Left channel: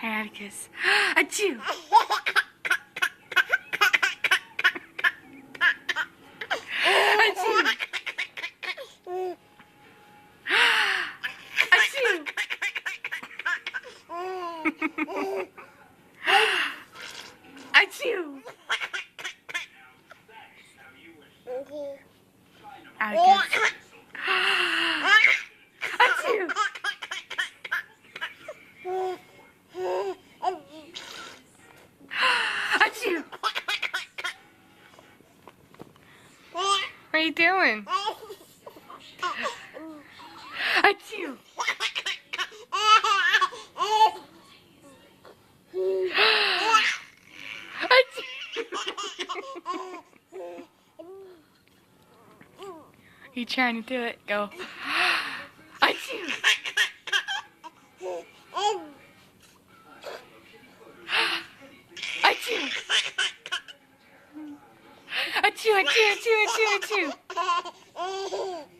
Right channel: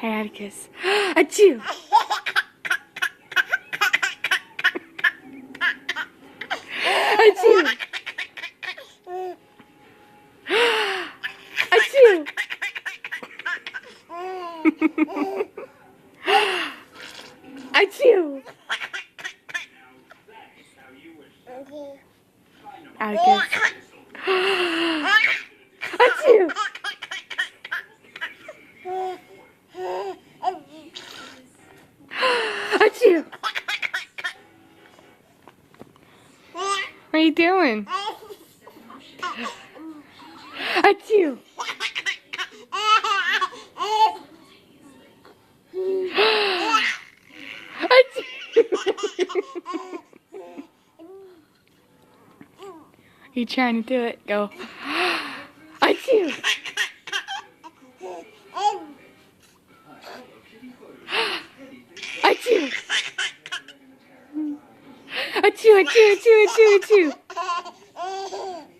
Hey, Atticus. Achoo! Achoo! Achoo! Achoo! Atticus. Achoo! Achoo! What are you doing? Achoo! You trying to do it? Go. Achoo! Achoo! Achoo! Achoo! Achoo! Achoo! Achoo!